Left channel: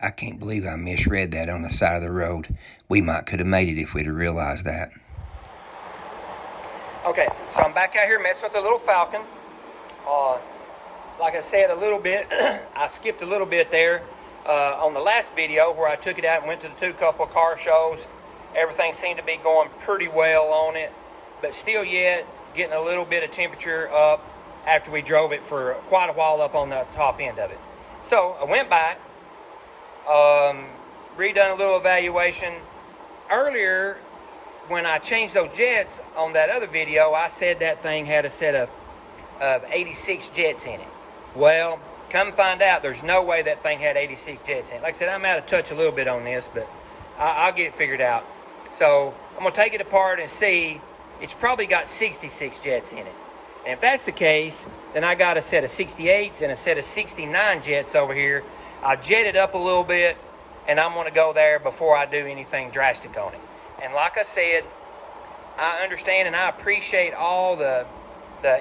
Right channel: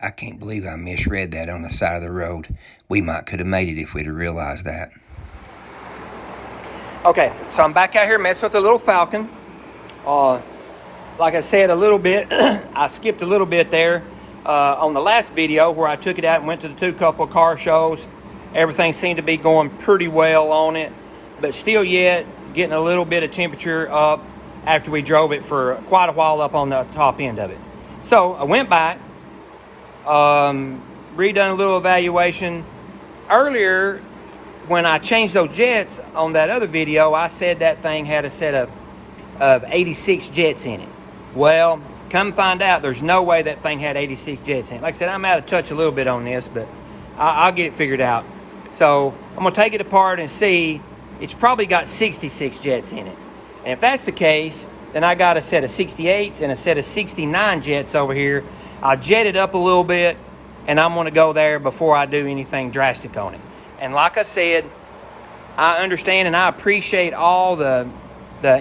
I can't believe I misread that on the side of the road. We might could have made it if we'd have realized that. Okay, so I'm back out here messing with the little Falcon. Like I said a little bit, I skipped a little bit there on the last video where I took it out and went to the couple of car shows. Everything seemed to be going pretty well on it, but still yet getting a little bit of temperature up after we drove it for quite a while up on the top end of it. So I went back, redone a little evaluation. Earlier, when I changed those jets on that other video, I said that thing had a set of 86 jets in it. Well, come find out, there's no way that thing had 86 jets in it. Like I said, I'm out of touch a little bit on this, but I'll get it figured out. So I'm going to take it apart and see. It's probably got 66 jets in it. And if that's the case, then I got a set of 68s and a set of 69 jets over here. I'll jet it up a little bit, and I'm going to go there before I do anything drastic on it. And like I said, I understand and I appreciate all the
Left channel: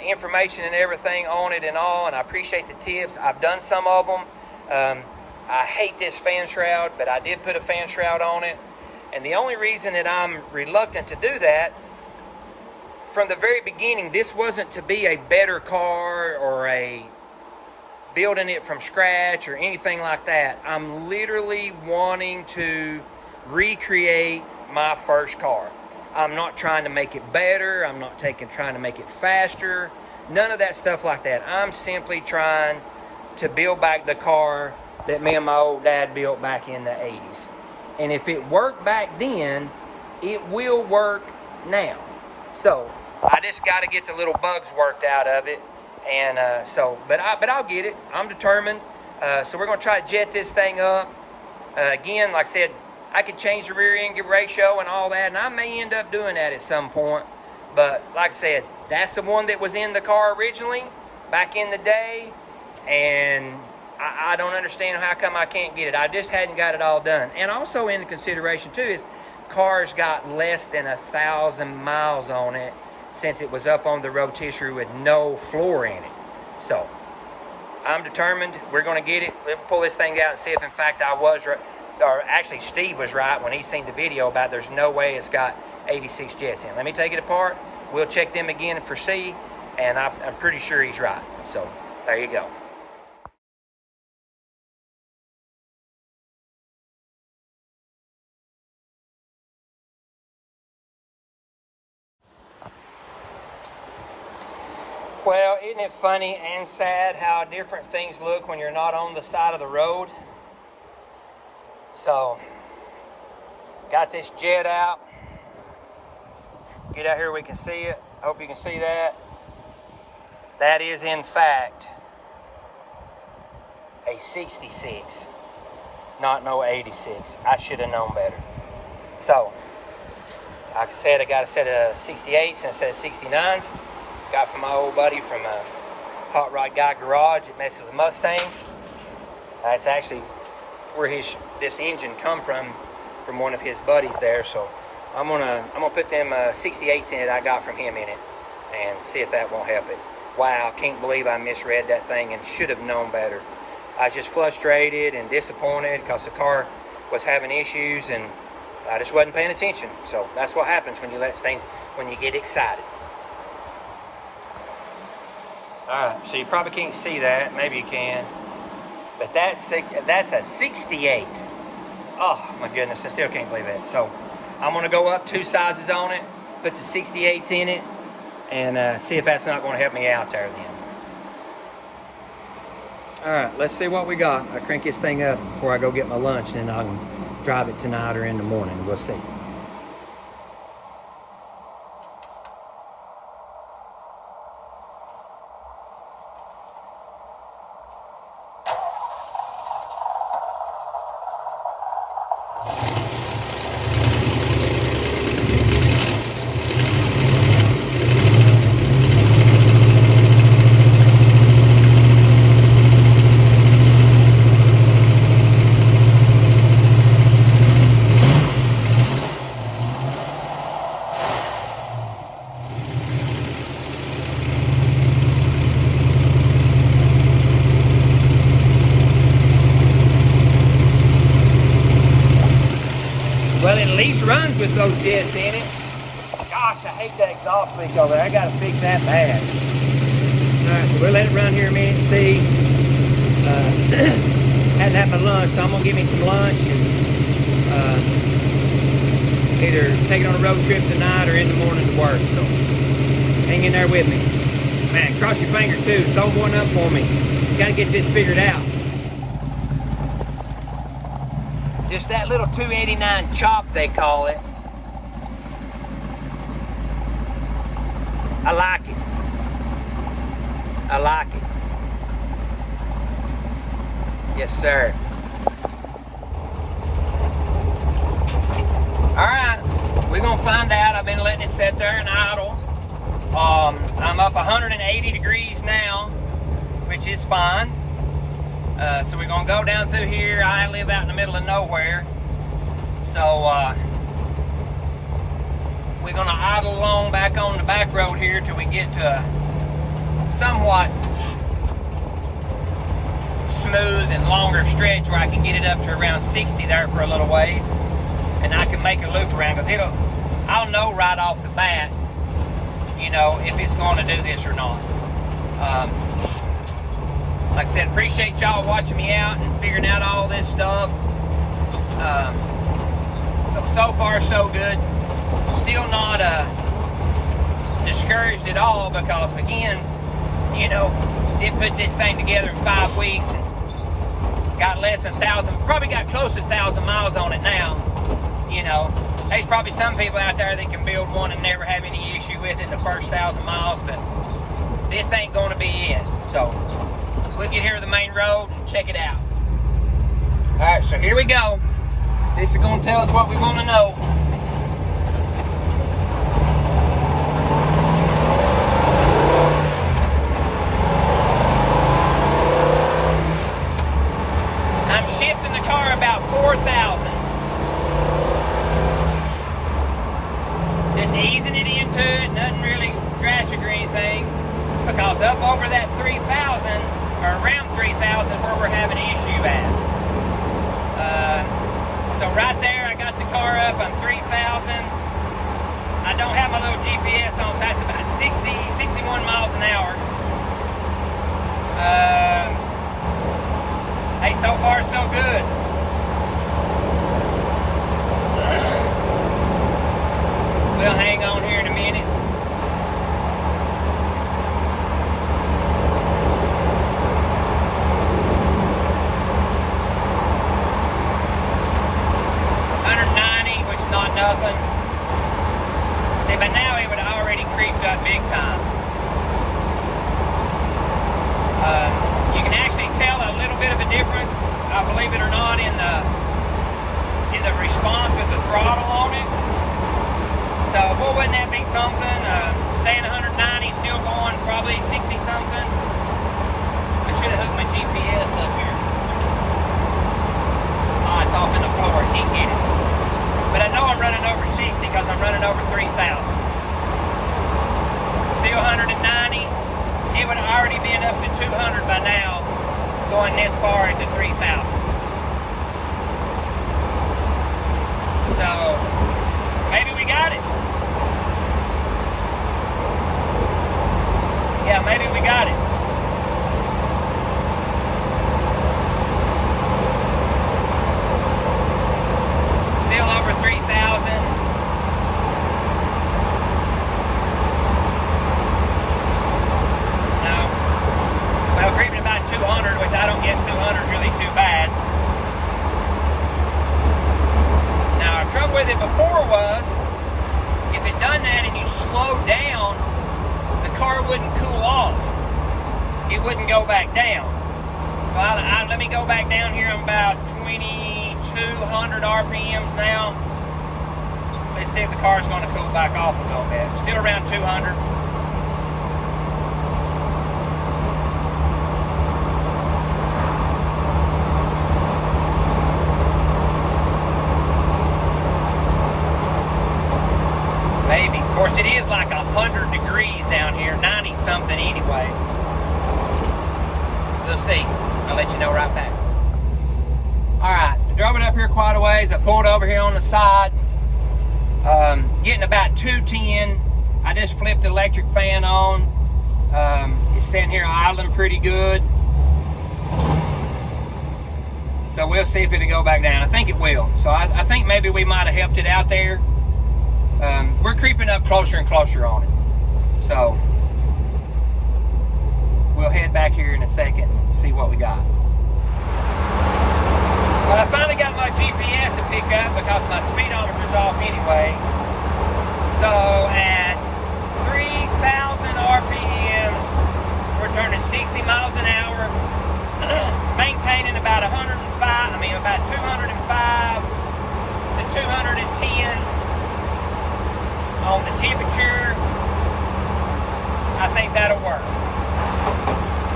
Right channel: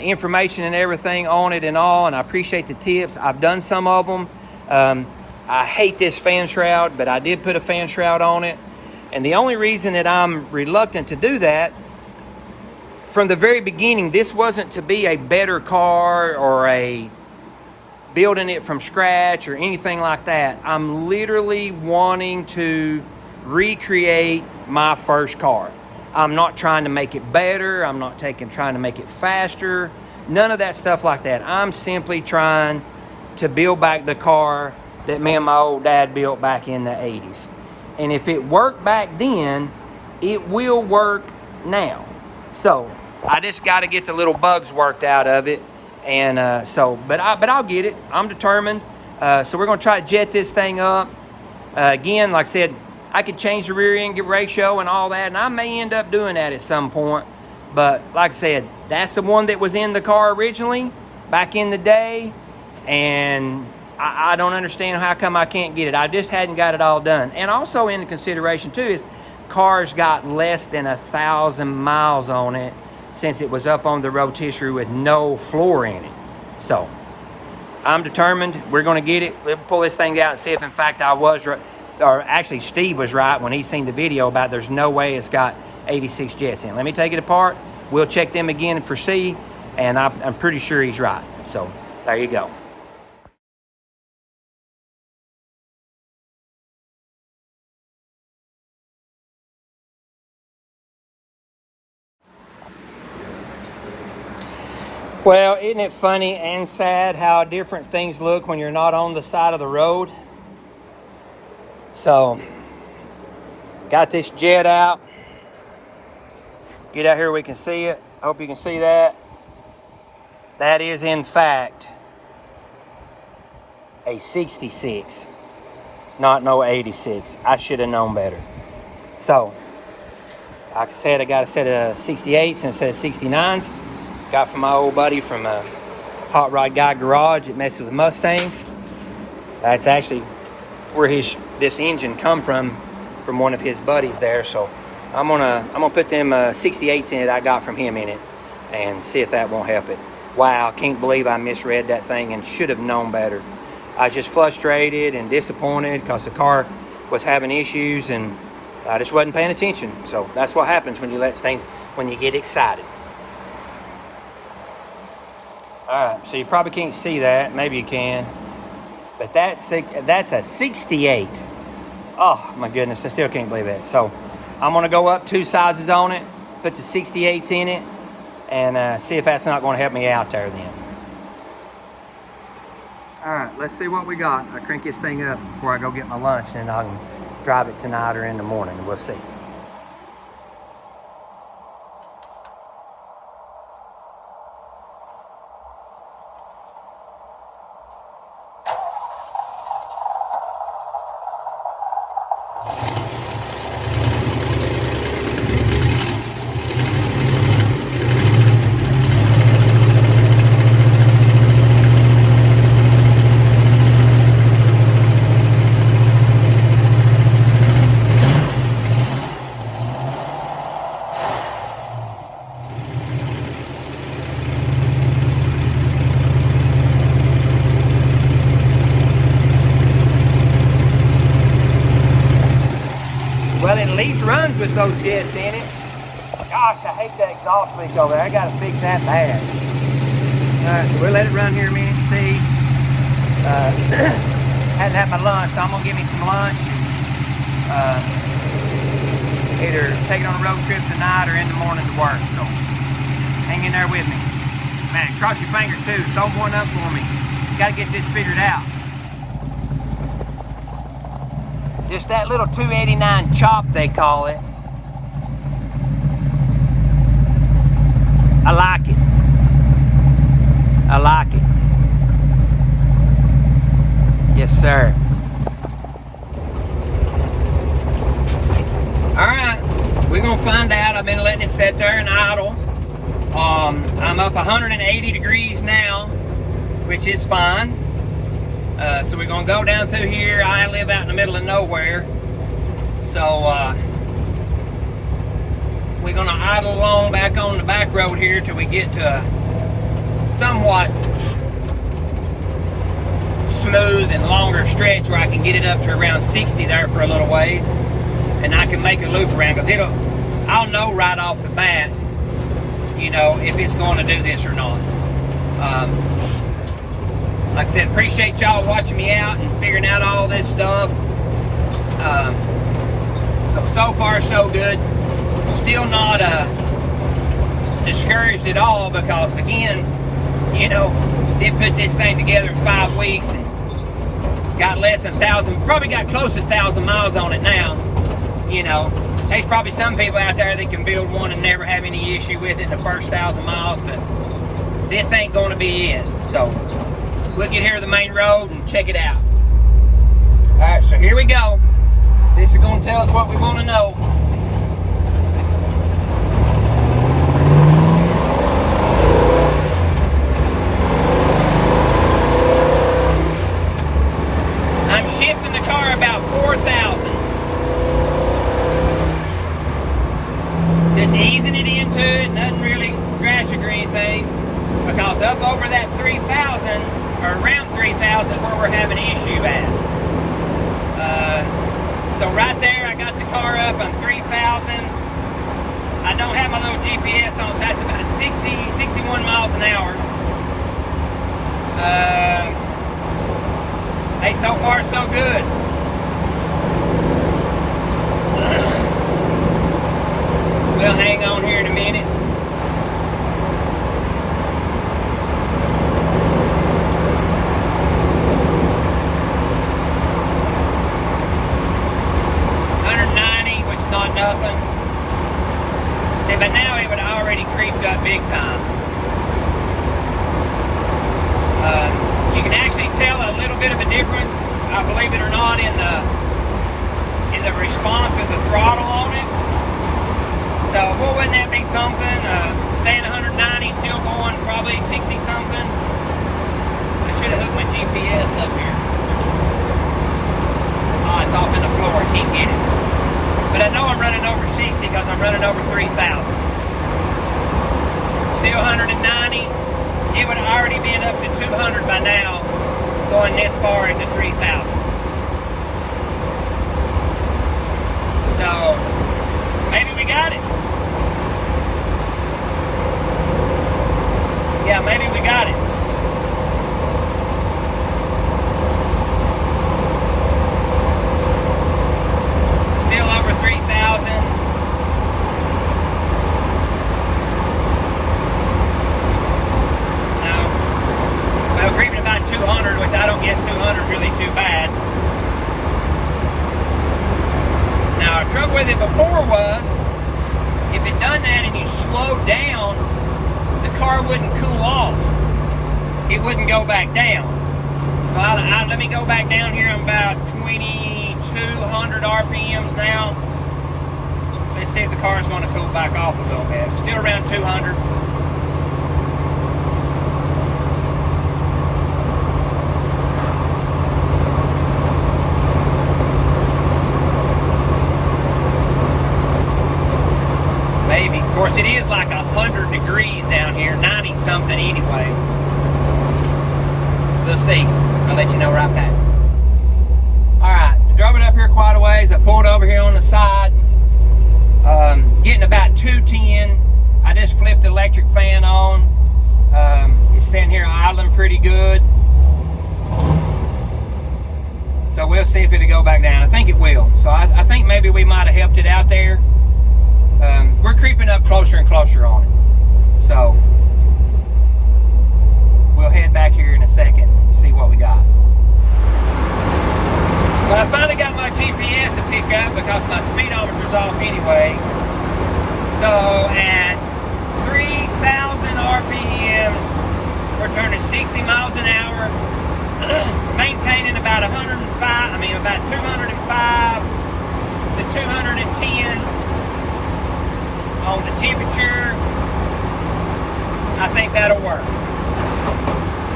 information and everything on it and all, and I appreciate the tips. I've done some of them. I hate this fan shroud, but I did put a fan shroud on it. And the only reason that I'm reluctant to do that, from the very beginning, this wasn't to be a better car or a building it from scratch or anything like that. I'm literally wanting to recreate my first car. I'm not trying to make it better. I'm not trying to make it faster. None of that stuff like that. I'm simply trying to build back the car that me and my old dad built back in the 80s. And if it worked back then, it will work now. So I just got to get the little bugs worked out of it. And but I'll get it. I'm determined. So we're going to try to jet this thing up. Again, like I said, I could change the rear end ratio and all that, and I may end up doing that at some point. But like I said, that's the one that was in the car originally, back in the day, and I don't understand how come I can't get it. I just hadn't got it all done. And also in consideration too is car's got less than 1,000 miles on it since it was up on the rotisserie with no floor in it. So I'm determined. We're going to get it. We'll pull this thing out and see if in fact I was right. Or actually Steve was right when he seen the video about there's no way it's got 86 jets in it. Let me take it apart. We'll check them again for C, and I'm pretty sure he's right. So there you go. Well, isn't it funny and sad how different things look when you're not on the side of the road? So, got this jet out. Get out here we can see it. Hope you can see that. That is in fact a 66, not no 86. I should have known better. So, like I said, I got a set of 68s and a set of 69s. Got from my old buddy from Hot Rod Guy Garage. It messes with Mustangs. That's actually where this engine come from one of his buddies there. So I'm gonna put them 68s in it I got from him in it and see if that won't help it. Wow, can't believe I misread that thing and should have known better. I was just frustrated and disappointed because the car was having issues and I just wasn't paying attention. So that's what happens when you when you get excited. Alright, so you probably can't see that, maybe you can. But that's a 68. Oh my goodness, I still can't believe that. So I'm gonna go up 2 sizes on it, put the 68s in it, and see if that's not gonna help me out there then. Alright, let's see what we got. I crank this thing up before I go get my lunch, and then I can drive it tonight or in the morning. We'll see. runs with those jets in it. Gosh, I hate that exhaust leak over there. I gotta fix that bad. Alright, so we'll let it run here a minute and see. Hadn't had my lunch, so I'm gonna give me some lunch. Either take it on a road trip tonight or in the morning to work. So hang in there with me. Man, cross your fingers too. Throw one up for me. Gotta get this figured out. Just that little 289 chop, they call it. I like it. I like it. Yes, sir. All right, we're gonna find out. I've been letting it sit there and idle. I'm up 180 degrees now, which is fine. So we're gonna go down through here. I live out in the middle of nowhere. So we're gonna idle along back on the back road here till we get to a somewhat smooth and longer stretch where I can get it up to around 60 there for a little ways. And I can make a loop around, because I'll know right off the bat, you know, if it's going to do this or not. Like I said, appreciate y'all watching me out and figuring out all this stuff. So far so good. Still not discouraged at all, because again, you know, did put this thing together in 5 weeks and got less than 1,000, probably got close to 1,000 miles on it now. You know, there's probably some people out there that can build one and never have any issue with it in the first 1,000 miles, but this ain't going to be it. So we'll get here to the main road and check it out. All right, so here we go. This is going to tell us what we want to know. I'm shifting the car about 4,000. Just easing it into it, nothing really drastic or anything, because up over that 3,000, or around 3,000 is where we're having an issue at. So right there, I got the car up on 3,000. I don't have my little GPS on, so that's about 61 miles an hour. Hey, so far so good. We'll hang on here in a minute. Not nothing. See, but now it would have already creeped up big time. You can actually tell a little bit of a difference, believe it or not, in the response with the throttle on it. So, boy, wouldn't that be something? Staying 190, still going probably 60 something. I should have hooked my GPS up here. Oh, it's off in the floor. Can't get it. But I know I'm running over 60 because I'm running over 3,000. Still 190. It would have already been up to 200 by now, going this far into 3,000. So, maybe we got it. Yeah, maybe we got it. Before was, if it done that and you slowed down, the car wouldn't cool off. It wouldn't go back down. So let me go back down here. I'm about 2,200 RPMs now. Let's see if the car's going to cool back off a little bit. Still around 200. Maybe. Of course, it is like 100 degrees down here, 90 something anyways. We'll see. I'll let you know right back. All right, drove it up here quite a ways. I pulled over here on the side. getting about 210. I just flipped the electric fan on. It's sitting here idling pretty good. So we'll see if it'll go back down. I think it will. So I think maybe we might have helped it out there. We're creeping up closer and closer on it. So we'll head back here in a second and see what we got. Well, I finally got my GPS to pick up because my speedometer's off anyway. So at 3,000 RPMs, we're turning 60 miles an hour, maintaining about 205 to 210 on the temperature. I think that'll work.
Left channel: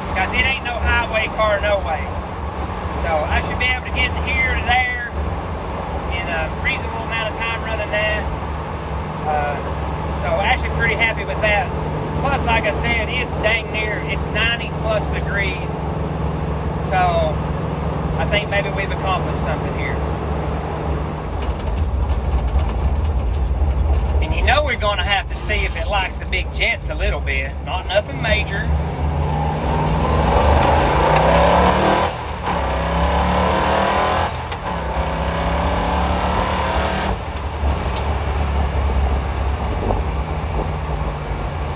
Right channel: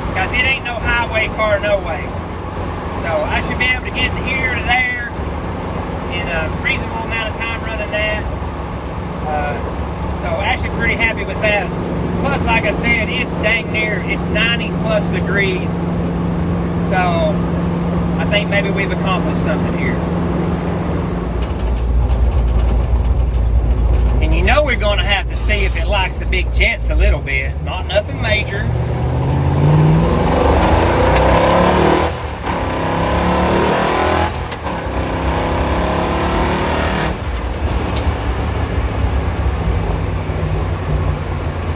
Because it ain't no highway car no ways. So I should be able to get here and there in a reasonable amount of time running that. So actually pretty happy with that. Plus, like I said, it's dang near, it's 90 plus degrees. So I think maybe we've accomplished something here. And you know we're going to have to see if it likes the big jets a little bit. Not nothing major.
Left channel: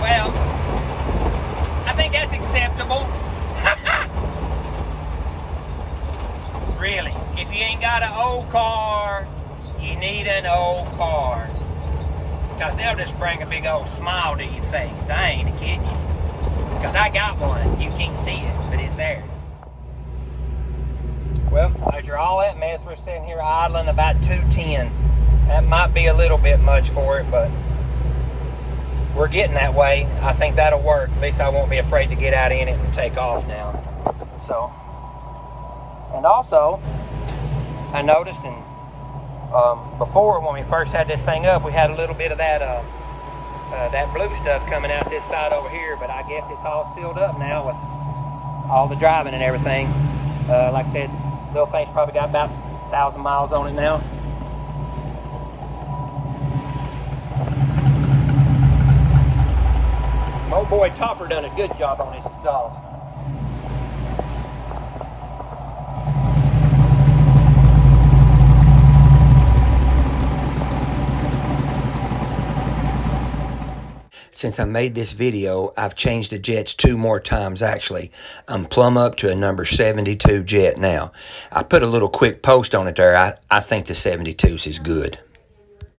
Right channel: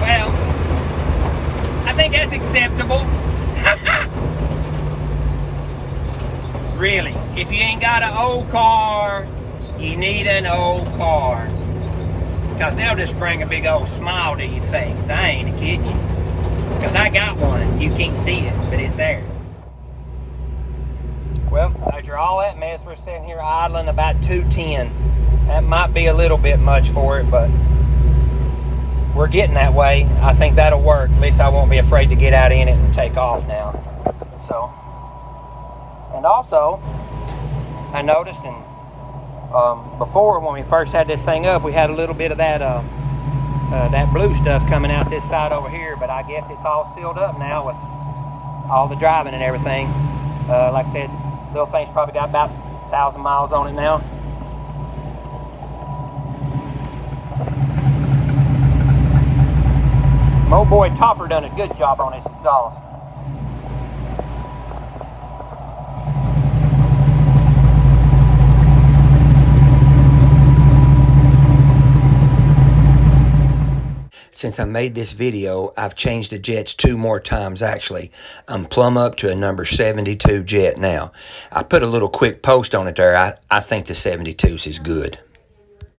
Well, I think that's acceptable. Really, if you ain't got an old car, you need an old car. Because they'll just bring a big old smile to your face. I ain't kidding you. Because I got one. You can't see it, but it's there. Well, after all that mess, we're sitting here idling about 210. That might be a little bit much for it, but we're getting that way. I think that'll work. At least I won't be afraid to get out in it and take off now. So, and also, I noticed before when we first had this thing up, we had a little bit of that that blue stuff coming out this side over here, but I guess it's all sealed up now with all the driving and everything. Like I said, little thing's probably got about 1,000 miles on it now. My old boy Topper done a good job on his exhaust. Since I made this video, I've changed the jets 2 more times actually. I'm plumb up to a number 72 jet now. I put a little quick post on it there. I think the 72s is good.